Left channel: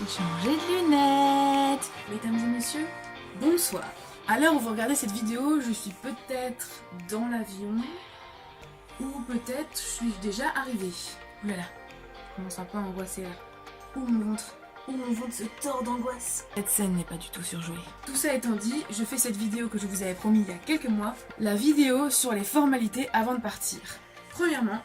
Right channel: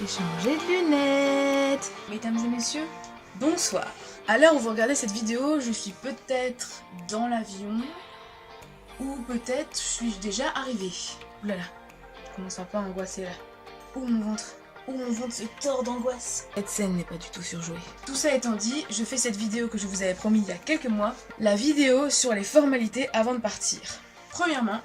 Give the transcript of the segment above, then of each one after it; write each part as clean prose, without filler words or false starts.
J'ai changé de lunettes. Mesdames et messieurs, bonsoir. À l'heure où vous regardez cette vidéo, je suis peut-être dans l'avion ou peut-être suis-je déjà arrivée. Ouh là là, je commence un peu à angoisser là. Ouh mon ventre se tord d'angoisse. Cette scène n'est pas du tout surjouée. Tout ça étant dit, je fais cette vidéo que je vous avais promis il y a quelques mois, la vidéo sur les formalités avant de partir. Premièrement,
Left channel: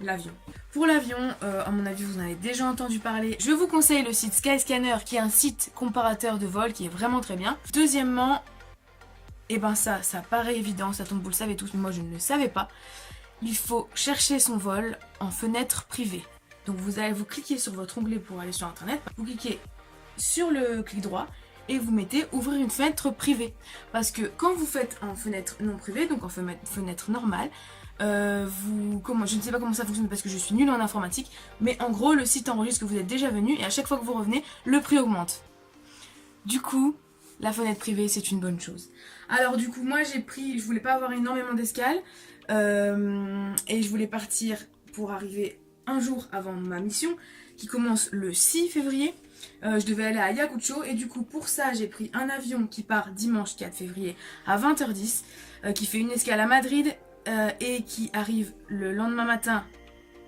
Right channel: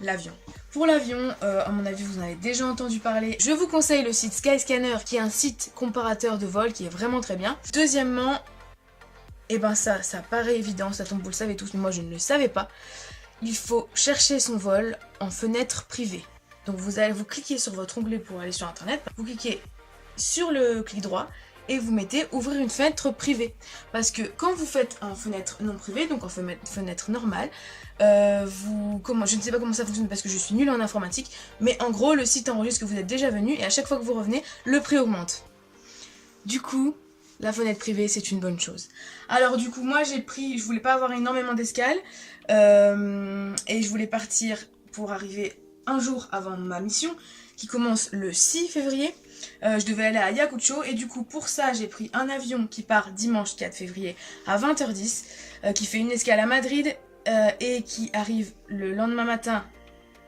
l'avion. Pour l'avion, à mon avis vous en avez déjà entendu parler, je vous conseille le site Skyscanner qui est un site comparateur de vol qui est vraiment très bien. Deuxièmement, et ben ça paraît évident, ça tombe vous le savez tous, mais moi je ne le savais pas, il faut chercher son vol en fenêtre privée. Donc vous cliquez sur votre onglet pour aller sur internet, vous cliquez sur le clic droit et vous mettez ouvrir une fenêtre privée. Parce que quand vous faites en fenêtre non privée, donc en fenêtre normale, je ne sais pas comment ça fonctionne parce que je suis nulle en informatique, mais en gros le site enregistre que vous êtes déjà venu et à chaque fois que vous revenez, le prix augmente. Du coup, la fenêtre privée c'est une bonne chose. Alors du coup moi je voulais pas avoir énormément d'escales et je voulais partir pour arriver un jour avant ma mission qui commence le 6 février. Je devais aller à Ayacucho et du coup pour ça j'ai pris un avion qui part dimanche 4 février à 20h10 qui fait une escale à Madrid et qui arrive le lendemain matin,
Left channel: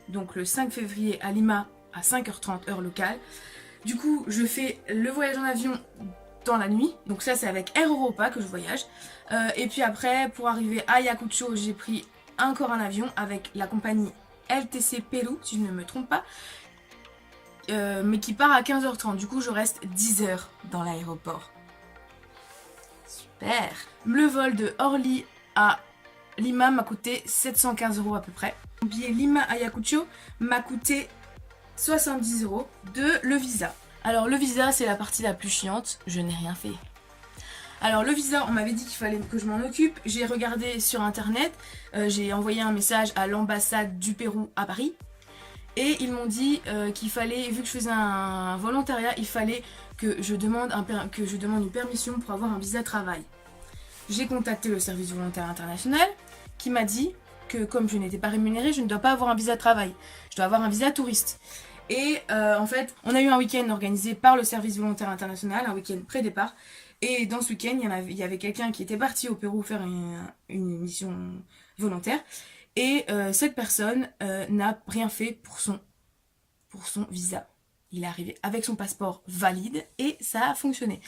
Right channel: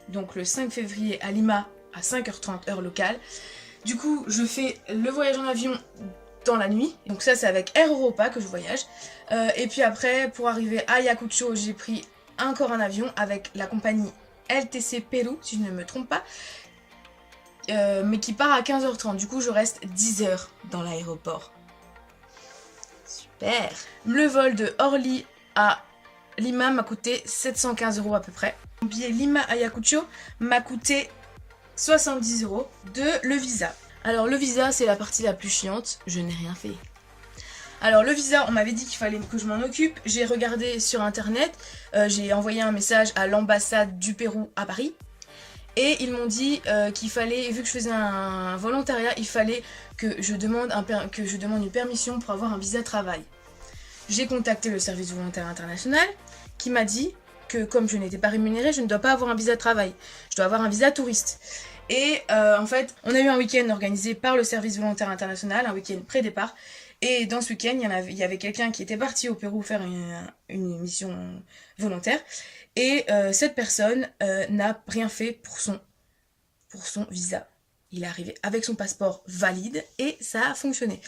donc le 5 février à Lima à 5h30 heure locale. Du coup je fais le voyage en avion dans la nuit, donc ça c'est avec Air Europa que je voyage, et puis après pour arriver à Ayacucho j'ai pris encore un avion avec la compagnie LTC Pérou si je ne me trompe pas, mais qui part à 15h30, du coup je reste 10 heures dans l'aéroport. Super. Le vol de Orly à Lima m'a coûté 715 € à peu près. Mon billet Lima-Ayacucho m'a coûté 70 € de le visa. Alors le visa c'est la partie la plus chiante, je n'ai rien fait. Alors le visa, on m'avait dit qu'il fallait que je m'en occupe, j'ai regardé sur internet, j'ai envoyé un message à l'ambassade du Pérou à Paris et ils m'ont dit qu'il fallait, vu que je faisais un volontariat, il fallait que je demande une permission pour avoir un visa travail. J'ai contacté le service volontaire international qui m'a dit que comme je n'étais pas rémunérée, je ne dois pas avoir un visa travail, je dois avoir un visa touriste. Et en fait, on a eu un week-end organisé par le service volontaire international, un week-end pré-départ. Et dans ce week-end, il y avait quelqu'un qui était parti au Pérou faire une mission volontaire. Et cette personne n'a rien fait pour son visa. Il est arrivé avec son passeport valide et ça a fonctionné.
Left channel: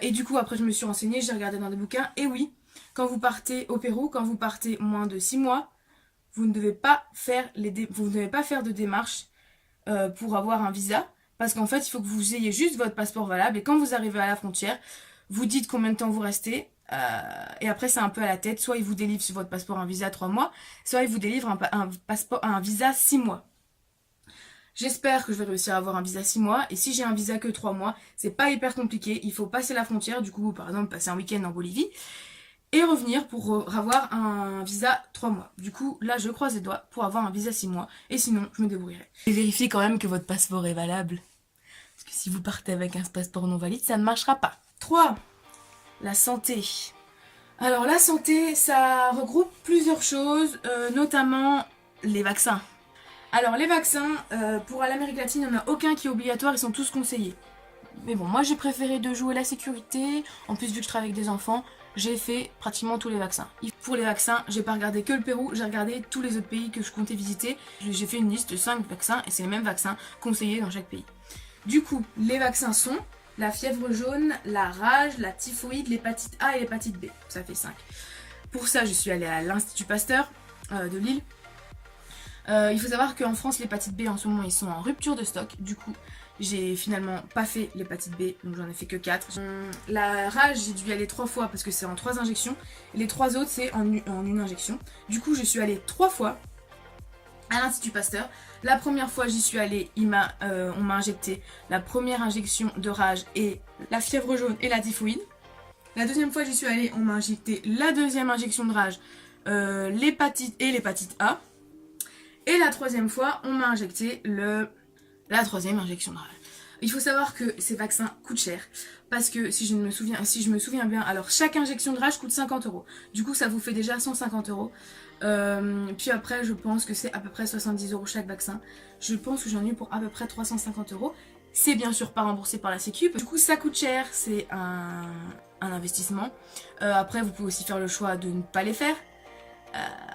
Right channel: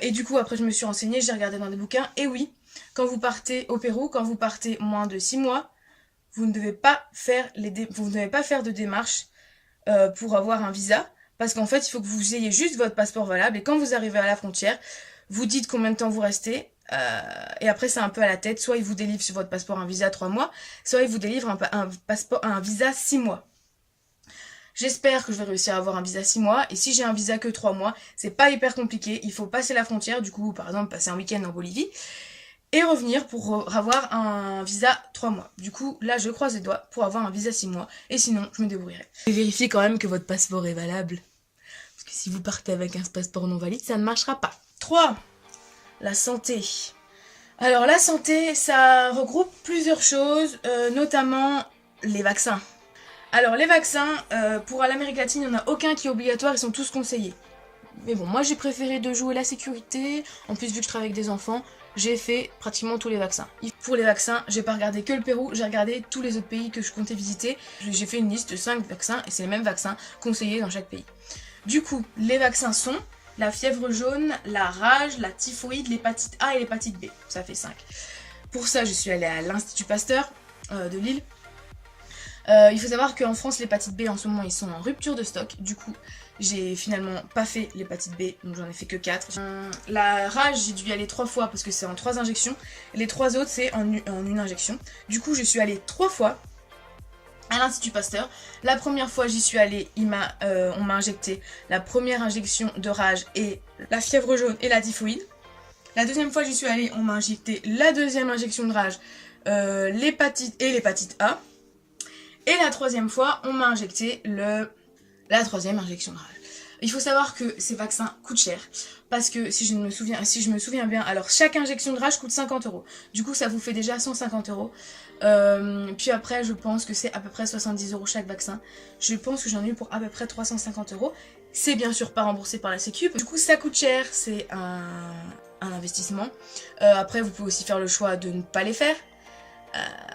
Et du coup, après, je me suis renseignée, j'ai regardé dans des bouquins. Et oui, quand vous partez au Pérou, quand vous partez moins de 6 mois, vous ne devez pas faire de démarches pour avoir un visa. Parce qu'en fait, il faut que vous ayez juste votre passeport valable. Et quand vous arrivez à la frontière, vous dites combien de temps vous restez. Et après, c'est un peu à la tête. Soit ils vous délivrent sur votre passeport un visa 3 mois, soit ils vous délivrent un visa 6 mois. J'espère que je vais réussir à avoir un visa 6 mois. Et si j'ai un visa que 3 mois, c'est pas hyper compliqué. Il faut passer la frontière. Du coup, par exemple, passer un week-end en Bolivie. Et revenir pour avoir un visa 3 mois. Du coup, là, je croise les doigts pour avoir un visa 6 mois. Et sinon, je me débrouillerai. Et vérifiez quand même que votre passeport est valable. Parce que si vous partez avec un passeport non valide, ça ne marchera pas. 3. La santé. Alors, la santé, ça regroupe plusieurs choses, notamment les vaccins. Alors, les vaccins, pour l'Amérique latine, il n'y en a aucun qui est obligatoire, ils sont tous conseillés. Mais bon, moi, j'ai préféré de jouer la sécurité. En plus, vu que je travaille avec des enfants, j'ai fait pratiquement tous les vaccins. Pour les vaccins, j'ai pas regardé que le Pérou, j'ai regardé tous les autres pays que je comptais visiter. J'ai fait une liste de 5 vaccins et c'est les mêmes vaccins conseillés dans chaque pays. Du coup, les vaccins sont la fièvre jaune, la rage, la typhoïde, l'hépatite A et l'hépatite B. Ça fait 5. Pour ça, je suis allée à l'Institut Pasteur de Lille. Il faut savoir qu'en France, l'hépatite B, en ce moment, ils sont en rupture de stock. Du coup, j'ai finalement pas fait l'hépatite B, donc j'en ai fait que 4. La rage, j'ai dû y aller 3 fois parce que c'est en 3 injections. Et les 3 autres, c'est en une injection. Du coup, je suis allée 3 fois à l'Institut Pasteur. La première fois, j'y suis allée, on m'a injecté la première injection de rage et la fièvre jaune et la typhoïde. La deuxième fois, j'y suis allée, on m'a injecté la deuxième injection de rage, l'hépatite et l'hépatite A. Et la troisième fois, on m'a injecté la troisième injection de rage. Il faut savoir que ces vaccins coûtent cher. Parce que si je me souviens bien, alors chaque injection de rage coûte 50 €. Du coup, ça vous fait déjà 150 €. Puis après, je pense que c'est à peu près 70 € chaque vaccin. Je pense que j'en ai eu pour à peu près 350 €. c'est bien sûr pas remboursé par la sécu. Du coup ça coûte cher, c'est un investissement. Après vous pouvez aussi faire le choix de ne pas les faire.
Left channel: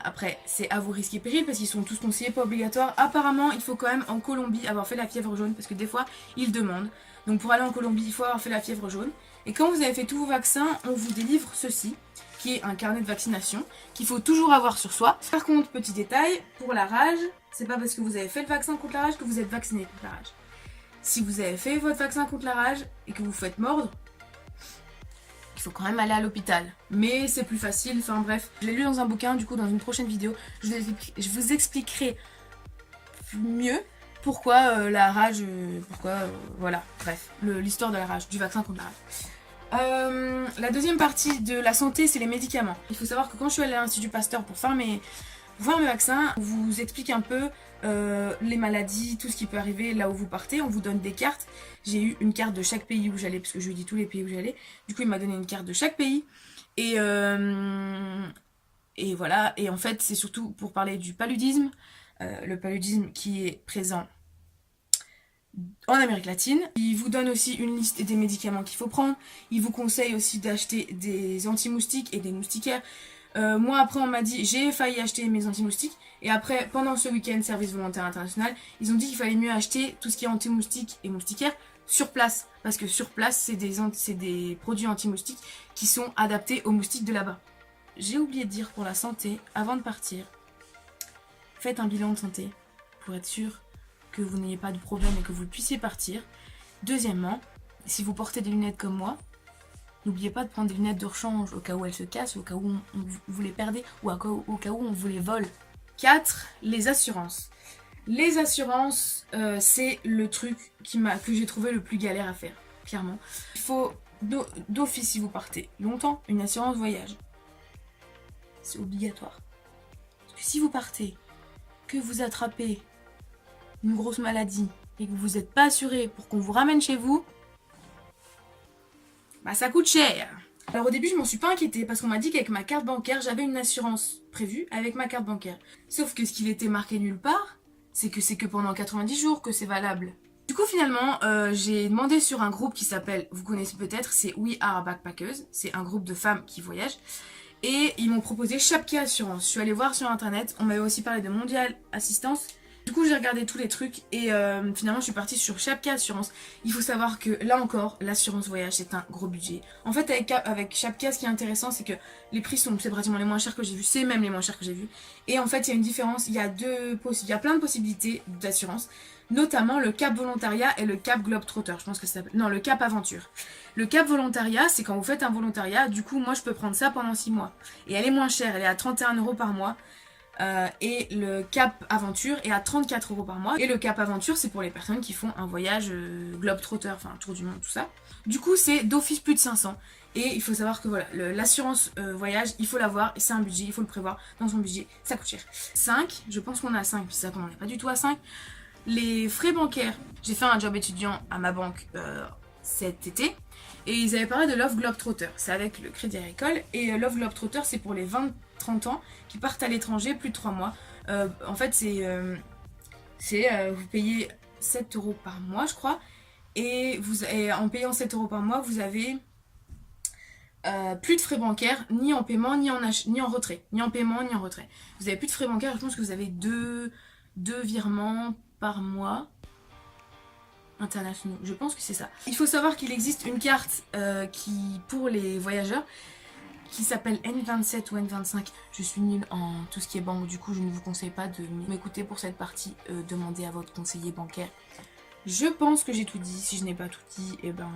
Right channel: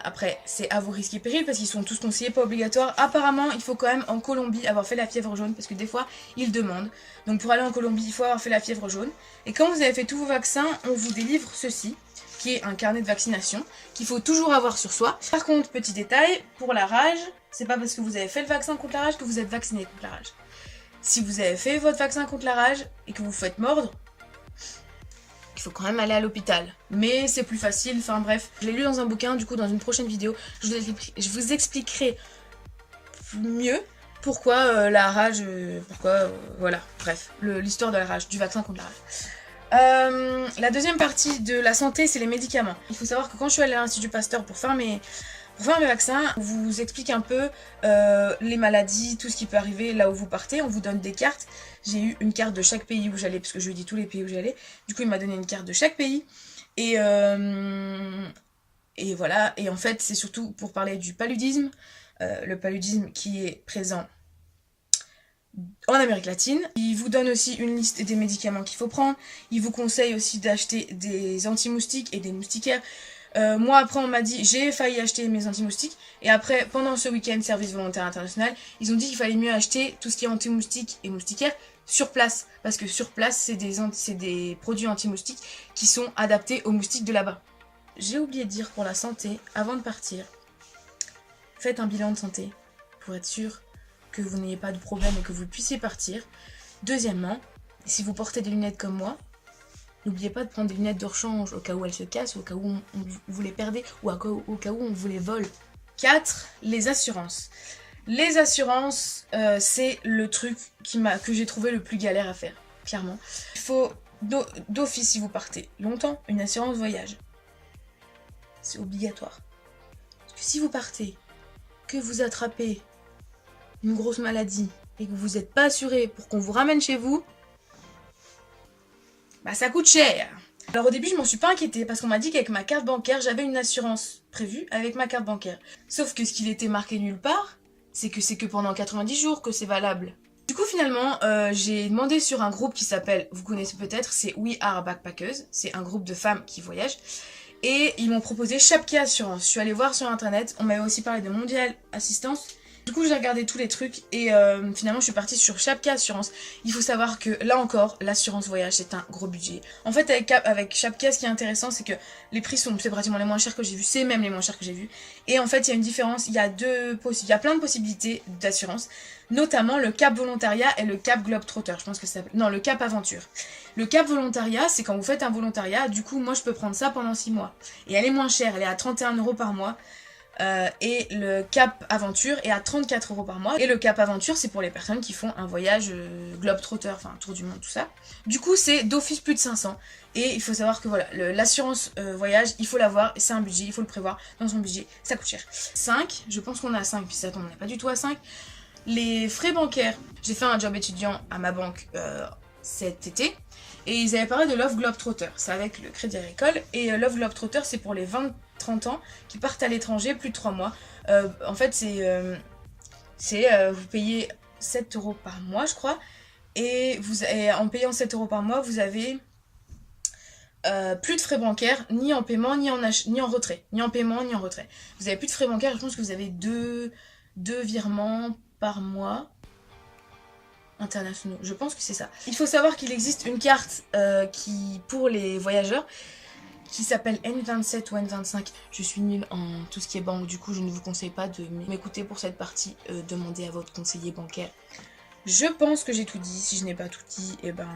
Après c'est à vos risques et périls parce qu'ils sont tous conseillés, pas obligatoires. Apparemment il faut quand même en Colombie avoir fait la fièvre jaune parce que des fois ils demandent. Donc pour aller en Colombie il faut avoir fait la fièvre jaune. Et quand vous avez fait tous vos vaccins, on vous délivre ceci, qui est un carnet de vaccination, qu'il faut toujours avoir sur soi. Par contre, petit détail, pour la rage, c'est pas parce que vous avez fait le vaccin contre la rage que vous êtes vacciné contre la rage. Si vous avez fait votre vaccin contre la rage et que vous faites mordre, il faut quand même aller à l'hôpital. Mais c'est plus facile, enfin bref. Je l'ai lu dans un bouquin, du coup dans une prochaine vidéo, je vous expliquerai mieux pourquoi la rage, voilà, bref, l'histoire de la rage, du vaccin contre la rage. La deuxième partie de la santé, c'est les médicaments. Il faut savoir que quand je suis allée à l'Institut Pasteur pour faire mes vaccins, on vous explique un peu les maladies, tout ce qui peut arriver là où vous partez. On vous donne des cartes. J'ai eu une carte de chaque pays où j'allais, parce que je lui ai dit tous les pays où j'allais. Du coup, il m'a donné une carte de chaque pays. Et voilà. Et en fait, c'est surtout pour parler du paludisme. Le paludisme qui est présent en Amérique latine. Il vous donne aussi une liste des médicaments qu'il faut prendre. Il vous conseille aussi d'acheter des anti-moustiques et des moustiquaires. Moi après on m'a dit, j'ai failli acheter mes anti-moustiques. Et après, pendant ce week-end service volontaire international, ils ont dit qu'il fallait mieux acheter tout ce qui est anti-moustiques et moustiquaires sur place. Parce que sur place, c'est des produits anti-moustiques qui sont adaptés aux moustiques de là-bas. J'ai oublié de dire pour la santé, avant de partir, faites un bilan de santé pour être sûr que vous n'ayez pas de problème et que vous puissiez partir. Deuxièmement, si vous portez des lunettes comme moi, n'oubliez pas de prendre des lunettes de rechange au cas où elles se cassent, au cas où vous les perdez ou au cas où on vous les vole. 4. Les assurances. Les assurances, c'est le truc que j'ai trouvé le plus galère à faire, clairement. Il faut d'office, si vous partez longtemps, une assurance voyage. C'est obligatoire. Parce que si vous partez, que vous attrapez une grosse maladie et que vous n'êtes pas assuré pour qu'on vous ramène chez vous, bah ça coûte cher. Alors au début je m'en suis pas inquiétée parce qu'on m'a dit qu'avec ma carte bancaire j'avais une assurance prévue avec ma carte bancaire. Sauf que ce qu'il était marqué nulle part, c'est que pendant 90 jours que c'est valable. Du coup finalement j'ai demandé sur un groupe qui s'appelle, vous connaissez peut-être, c'est We Are Backpackers. C'est un groupe de femmes qui voyagent. Et ils m'ont proposé Chapka Assurance. Je suis allée voir sur internet, on m'avait aussi parlé de Mondial Assistance. Du coup j'ai regardé tous les trucs et finalement je suis partie sur Chapka Assurance. Il faut savoir que là encore l'assurance voyage c'est un gros budget. En fait avec Chapka ce qui est intéressant c'est que les prix c'est pratiquement les moins chers que j'ai vus, c'est même les moins chers que j'ai vus. Et en fait il y a une différence, il y a plein de possibilités d'assurance. Notamment le cap volontariat et le cap globetrotter, je pense que ça s'appelle. Non, le cap aventure. Le cap volontariat, c'est quand vous faites un volontariat, du coup moi je peux prendre ça pendant 6 mois. Et elle est moins chère, elle est à 31 € par mois. Et le cap aventure est à 34 € par mois. Et le cap aventure c'est pour les personnes qui font un voyage globetrotter, enfin un tour du monde, tout ça. Du coup c'est d'office plus de 500. Et il faut savoir que voilà, l'assurance voyage, il faut l'avoir, c'est un budget, il faut le prévoir dans son budget, ça coûte cher. 5, je pense qu'on est à 5, puis ça tombe, on n'est pas du tout à 5. Les frais bancaires, j'ai fait un job étudiant à ma banque cet été. Et ils avaient parlé de Love Globetrotter, c'est avec le Crédit Agricole. Et Love Globetrotter c'est pour les 20-30 ans qui partent à l'étranger plus de 3 mois. En fait vous payez 7 € par mois je crois. Et en payant 7 € par mois vous avez plus de frais bancaires, ni en paiement, ni en retrait. Ni en paiement, ni en retrait. Vous avez plus de frais bancaires, je pense que vous avez deux virements par mois internationaux, je pense que c'est ça. Il faut savoir qu'il existe une carte pour les voyageurs qui s'appelle N27 ou N25. Je suis nulle en tout ce qui est banque, du coup je ne vous conseille pas de m'écouter pour cette partie. Demandez à votre conseiller bancaire. Je pense que j'ai tout dit. Si je n'ai pas tout dit, et ben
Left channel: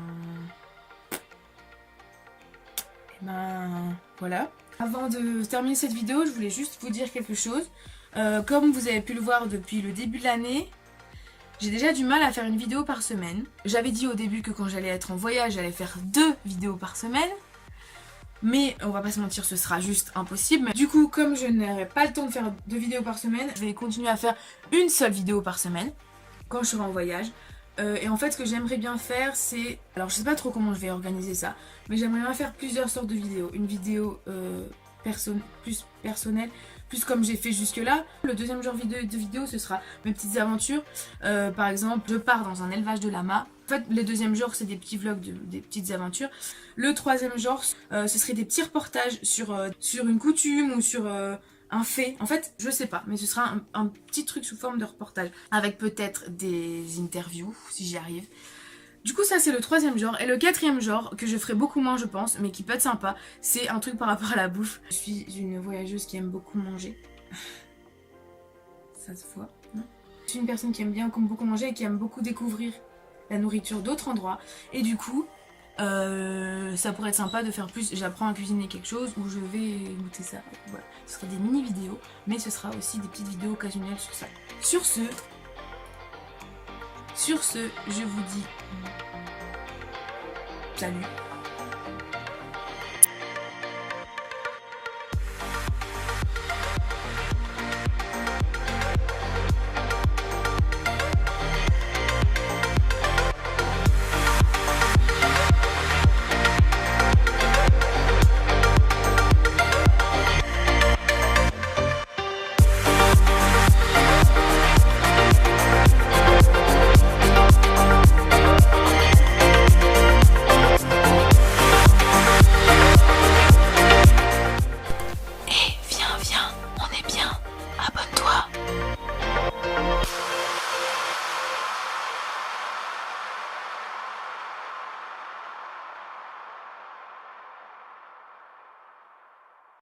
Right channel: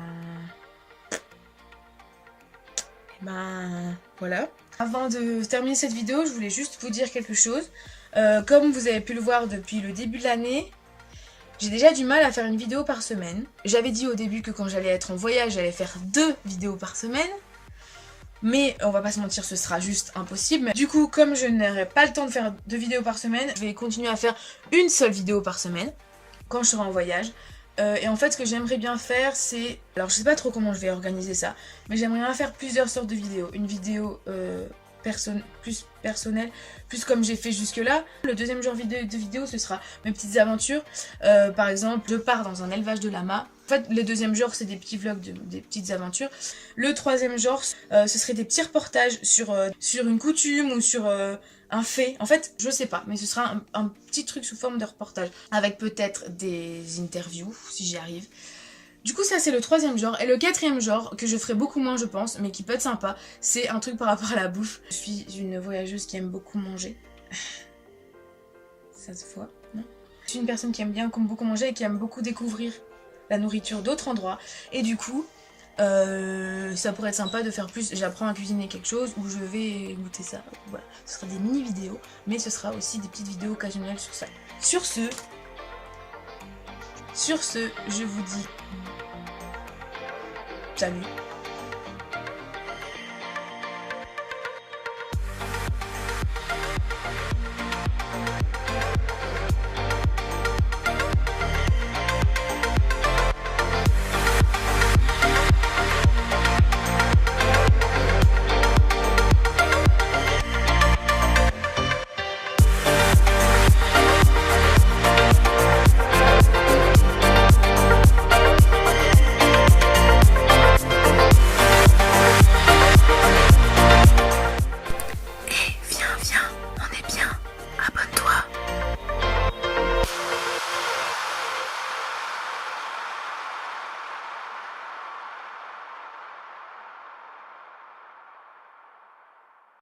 voilà. Avant de terminer cette vidéo, je voulais juste vous dire quelque chose. Comme vous avez pu le voir depuis le début de l'année, j'ai déjà du mal à faire une vidéo par semaine. J'avais dit au début que quand j'allais être en voyage, j'allais faire 2 vidéos par semaine. Mais on va pas se mentir, ce sera juste impossible. Du coup, comme je n'aurai pas le temps de faire 2 vidéos par semaine, je vais continuer à faire une seule vidéo par semaine quand je serai en voyage. Et en fait, ce que j'aimerais bien faire, c'est... Alors, je sais pas trop comment je vais organiser ça, mais j'aimerais bien faire plusieurs sortes de vidéos. Une vidéo plus personnel, plus comme j'ai fait jusque là. Le deuxième genre de vidéo, ce sera mes petites aventures. Par exemple, je pars dans un élevage de lamas. En fait, le deuxième genre, c'est des petits vlogs, des petites aventures. Le troisième genre, ce serait des petits reportages sur une coutume ou sur un fait. En fait, je sais pas, mais ce sera un petit truc sous forme de reportage. Avec peut-être des interviews, si j'y arrive. Du coup, ça, c'est le troisième genre. Et le quatrième genre, que je ferai beaucoup moins, je pense, mais qui peut être sympa, c'est un truc par rapport à la bouffe. Je suis une voyageuse qui aime beaucoup manger. Ça se voit, non? Je suis une personne qui aime beaucoup manger et qui aime beaucoup découvrir la nourriture d'autres endroits. Et du coup, ça pourrait être sympa de faire plus. J'apprends à cuisiner quelque chose ou je vais goûter ça. Voilà, ce sera des mini vidéos, mais ce sera aussi des petites vidéos occasionnelles sur ça. Sur ce, je vous dis salut.